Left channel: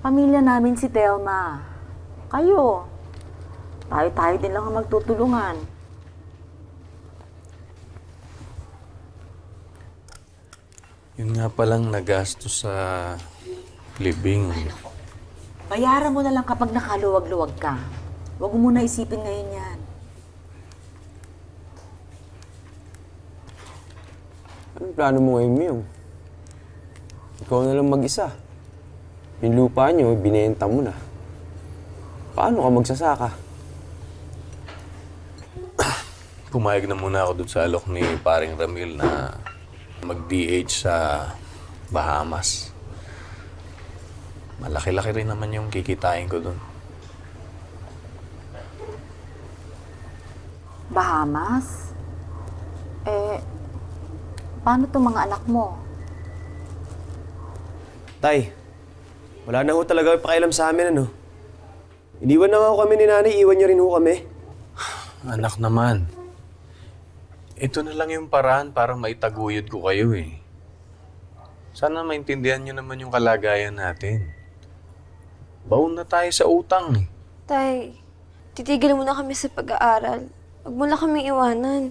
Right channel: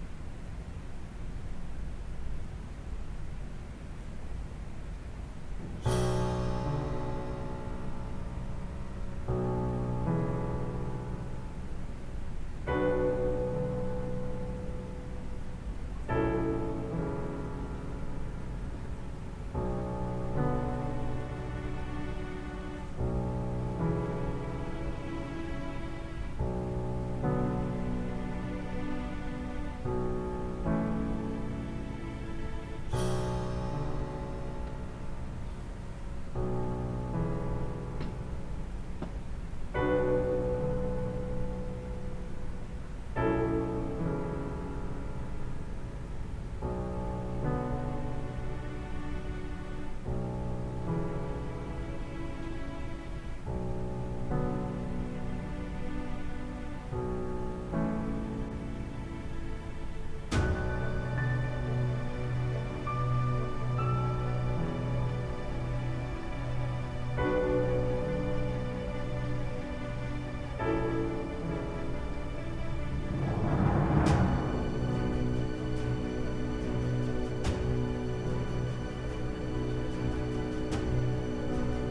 Pamilya namin si Telma. Kayo. Tayo-tayo din lang ang magtutulungan. Yun nga palang nagastos sa libing. Bayaran mo na lang kapag nakaluwag-luwag ka. Huwag mo muna isipin ngayon yan. Anong plano mo ngayon, Miyong? Ikaw na lang mag-isa. Yung lupa niyo, binenta mo na. Paano ka magsasaka? Pumayag na muna ako dun sa alok ni paring Ramil na mag-DH sa Bahamas. Malaki-laki rin naman yung kikitain ko dun. Bahamas? Paano itong mga anak mo? Tay, wala na ho talaga yung pakialam sa amin, ano? Iniwan na nga ho kami ni nanay, iwan niyo rin ho kami. Anak naman, ito na lang yung paraan para maitaguyod ko kayo eh. Sana maintindihan niyo naman yung kalagayan natin. Baon na tayo sa utang eh. Tay, titigil muna kami sa pag-aaral. Huwag mo lang kami iwanan.